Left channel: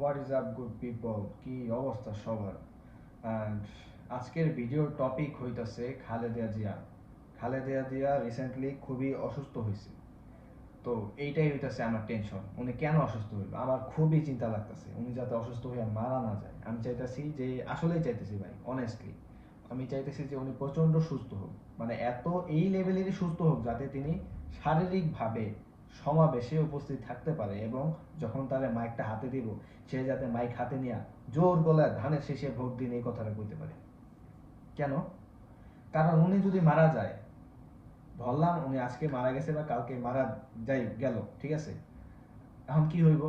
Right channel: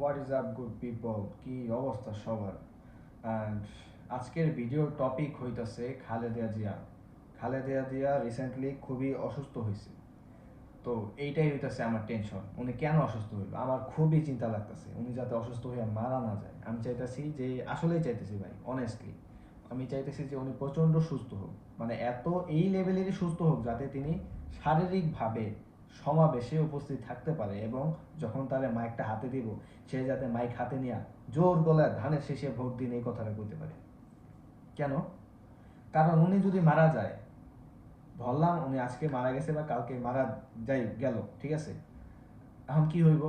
What is up good people, কি অবস্থা সবার? অ্যান্ড আজকের ভিডিওর টপিক হইতাছে খালেদা জিয়া। খালেদা জিয়া রিসেন্টলি খুবই অসুস্থ হয়েছে। তো এইটাই হইতাছে আমার টেনশন, উনি কেন অসুস্থ হইল। আমার খুবই চিন্তা লাগতেছে উনি যাতে অসুস্থ হয়ে মারা না যায়। আমি চাইতেছি যে, আসলেই চাইতেছি ভাই, অনেস্টলি আমি চাইতেছি যে উনি প্রচন্ড সুস্থ হোক, মানে এত এই লেভেলেরই সুস্থ হোক যাতে তিনি শারীরিকভাবে সমাবেশে উপস্থিত থাকতে পারে, এবং যখন তার মাইকটা হাতে দিব সে যাতে মাইক হাতে নিয়ে জোর গলায় ধানের শেষে ভোট দিন এই কথাটা কইতে পারে। কেন? কারণ উনি যদি মারা যায়, ধরলাম উনি আজকে মারা গেছে বা কালকে মারা যাই গেল, ঠিক আছে, এখন কি হইব?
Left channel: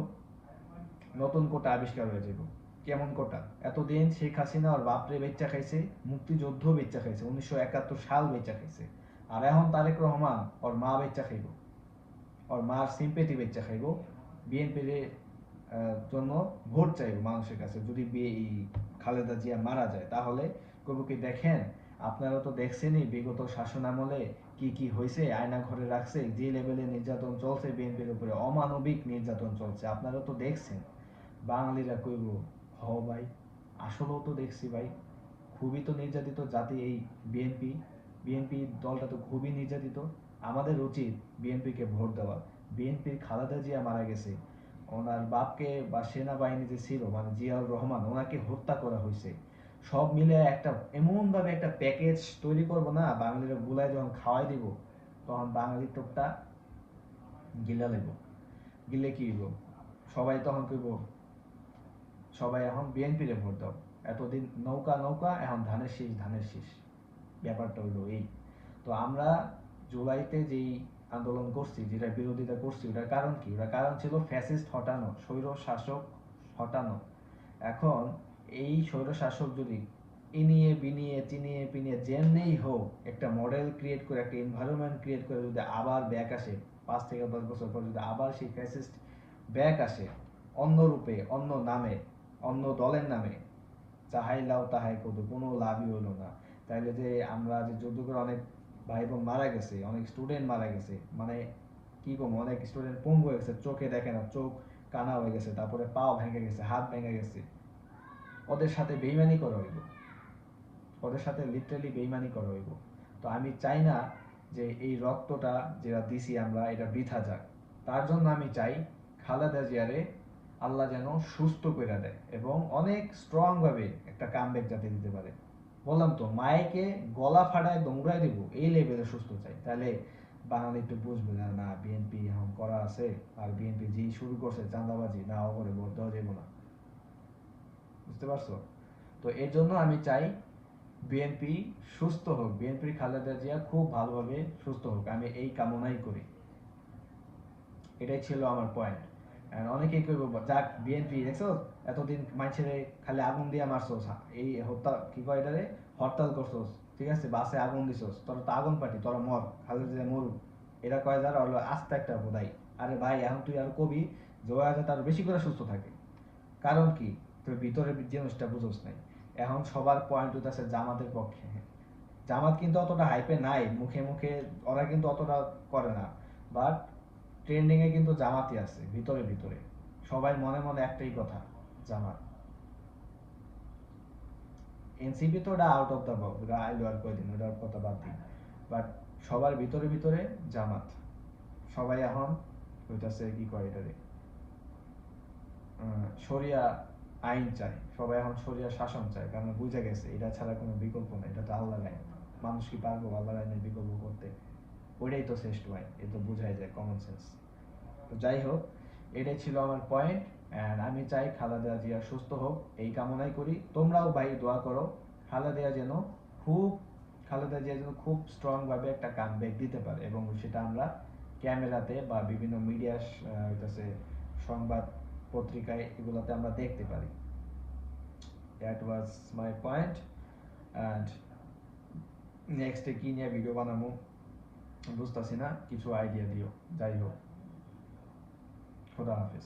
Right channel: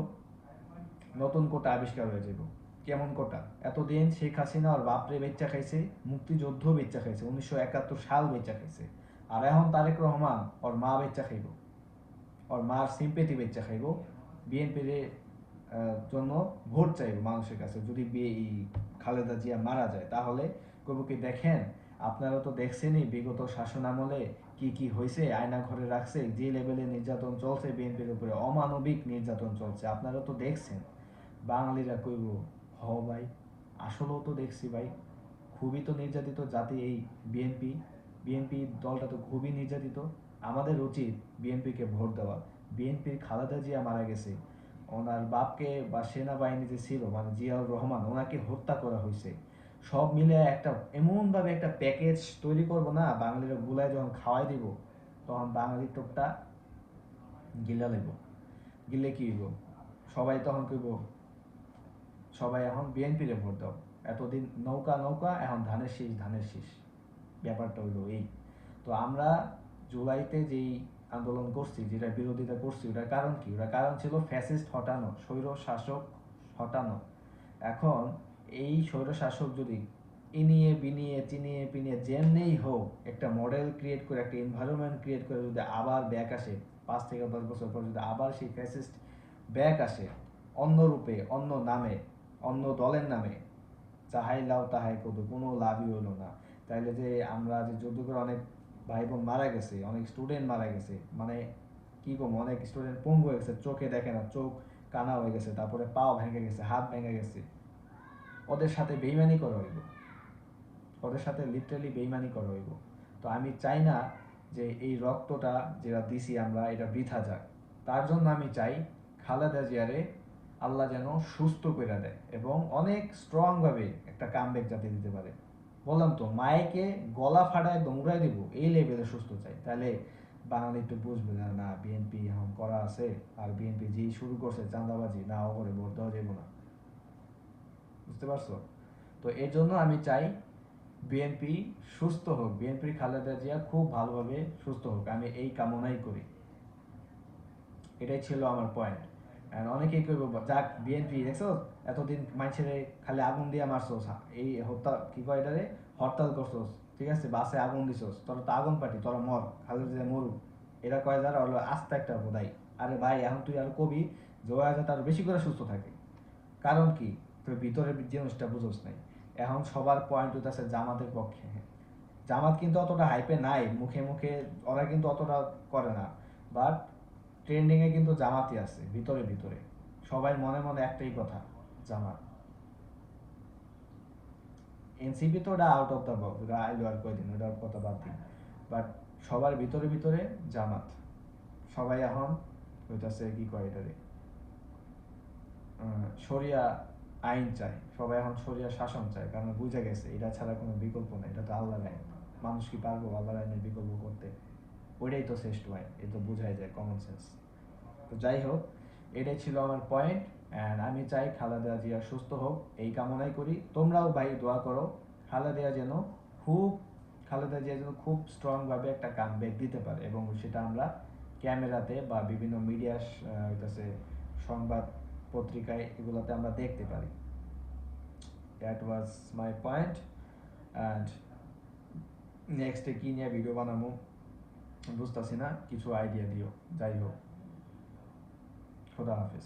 নতুন কোটা আবিষ্কার হয়ে যাব। কেমন কোটা? এতদিন শেখ হাসিনা ওর বাপরে বেচ্চা খাইছে, মুক্তিযুদ্ধ বেচ্চা খাইছে, 1971 সাল বেচ্চা খাইছে, আর এখন তারেক রহমান ওর মা বেচ্চা খাইব, ওর মার সিম্পেথি বেচ্চা খাইব, বিএনপির জন্য ভোট চাইব মানুষের কাছে। যদি খালেদা জিয়া মারা যায় তাহলে কবু কি দেখেন, আপনারা তো দেখছেনই বিগত শাসন আমলে কি কি হয়েছে, আয়না ঘরে রাখছে, যে লেভেলে নির্যাতন চলছে বিএনপির উপরে, অমানবিক নির্যাতন চলছে, আপনারা তো দেখছেন। বাঙালিরা কইব, হ ভাই, আসলেও তো দেখছি ভাই, খুবই তো নির্যাতিত জাতি এই বিএনপি। বিএনপি দলটা তো খুবই নির্যাতিত। আমাদের উচিত বিএনপিকে ভোট দেওয়া। বিএনপির খালেদা জিয়া মারা গেছে, ওনার বাপকে বা সেনাবাহিনী যে ছিল মানে জিয়াউর রহমান, ওনাকে হত্যা করা হয়েছে। সব মিলে একটা এমনভাবে একটা প্যাকেজ তৈরি করব না, বাঙালির গুলায় যখন খাওয়াই দিব তখন বাঙালির টোপটা গিলা লেব। গিলে কি হইব? সবাই তখন কইব, সবাই এখন বিএনপিরে ভোট দাও। এতদিন নৌকা নৌকা, এখন ধানের শীষ ধানের শীষ। ব্যাপারটা হইলো এই। তো আমরা জুলাইতে যেই আন্দোলন করছি, যেটা বিরোধিতা করছি, ওটার কারণ কি? ওটার কারণ ছিল ফ্যাসিস্ট হটানো, স্বৈর শাসক হটানো। এখন এই স্বৈর শাসক যদি ইনিয়ে বিনিয়ে চিনিয়ে পিনিয়ে যেমনেই হোক একটা মডেল ক্রিয়েট করে, একটা এনভায়রনমেন্ট ক্রিয়েট করে যদি আবার ব্যাক আসে, 5 থেকে 10 বছর পর যদি আবার সেই ফ্যাসিস্ট ব্যাক আসে, অন্য রূপে, অন্য নামে, অন্য দলের নামে, যাহাই লাও তাহাই কদু, কোনো লাভই হলো না। তাইলে যে আমরা যে যুদ্ধ করে অনেক ভাই বোন মারা গেছে, অনেক স্টুডেন্ট মারা গেছে, মানে কি কম, অনেক স্টুডেন্ট পঙ্গু হয়ে গেছে, চোখে দেখে না, চোখ কানা হয়ে গেছে, তারপরে পাও ভেঙে গেছে, হাত ভেঙে গেছে, ওদের সাথে বেইমানি করা হইব, ওদের সাথে লিটারালি বেইমানি করা হইব। তো আমি চাই না যে এই রক্তটা যেটা দিছি আমরা এটা বৃথা যাক। তার জন্য আমি চাই খালেদা জিয়ারে আল্লাহ যেন সুস্থ করে দেয় এবং অনেক স্ট্রং ভাবে একটা কামব্যাক যাতে দিতে পারে। বললাম তো, মায়েকে গলা ফাটায় দৌড়াই দিব এই লেভেলে সুস্থ চাই। তাহলে বাঙালি একটু বুঝবে যে না, বিএনপি এখন করা আছে, আর বিএনপি যেই শুরু করছে চাঁদাবাজি, না ওপরে ভোট দেওয়া যাবো না। বুঝতে পারছো? তো এর জন্য আমি চাই বিএনপি সুস্থ হোক, বিএনপির খালেদা জিয়া খুব ভালোভাবে সুস্থ হোক, আমি এই কামনাই করি। এটাই ছিল আমার পয়েন্ট। আর অনেকেই কইব, যাক বিএনপি দেখছো এতদিন মানুষের খালি আগুন দিয়ে মারছোস, এই হত্যা কি কয় এটারে, হরতাল করছোস, ঠিক আছে, বাসে আগুন দিছোস, তোরা তো আগুন পাটি, তোরা মর, খালেদা জিয়া মরুক, এরা কয় যারা হলো আস্তে একটা বোধাই। আরে ভাই, এখন তুই আরো কবি জোয়া আছে তার বেশি করে সুস্থ থাকে। কারণ কি? তোর ভিতরের জিনিসটা বুঝোস নাই। এখন সবার পয়েন্ট হচ্ছে জামাতের পক্ষে। জামাত কিন্তু অতটা হাইপে নাই, মুখে মুখে ওরা কিন্তু অতটা করে না, বাট ট্রেন্ডিং এ কিন্তু জামাতই আছে ভিতরে ভিতরে। সবাই মনে মনে একটাই কথা, জামাত। এনসিপি তো ওটা আউট অফ দ্য বক্স, ওটা আইলো আর কয়দিন, ওটার কথা বাদ দিন। বাট সবার ভিতরে ভিতরে জামাত। সবাই এখন হইতাছে কি কয় এটারে, শরিয়া আইন চায়, সবাই এখন শরিয়া শাসন চায়, কারণ বুঝে গেছে এটা ছাড়া কোনো বিকল্প নাই, এটা তো আল্লাহর আইন। মানুষ কি পারবো আল্লাহর আইনের বিকল্প করতে? ওইটাই তো শ্রেষ্ঠ আইন, এ তো বোঝাই যায়, কমন সেন্স। তো যাই হোক, এটাই ছিল আমার পয়েন্ট। অ্যান্ড আমি চাই খালেদা জিয়া সুস্থ হোক, এই কামনাই করি। তোমরাও ভাই দোয়া করো খালেদা যেন খুব খালেদা জিয়া যেন খুব স্ট্রং ভাবে একটা কামব্যাক দিতে পারে, এবং সেটা আমরা ক্যামেরাতে বা বিভিন্ন মিডিয়া সংবাদ পত্রিকায় এগুলোতে আমরা দেখতে পারি। That was my point. And নেক্সটে কি নিয়ে ভিডিও বানাবো বুঝতেছি না, কিছু আইডিয়া দিও। যাই হোক, খোদা হাফেজ।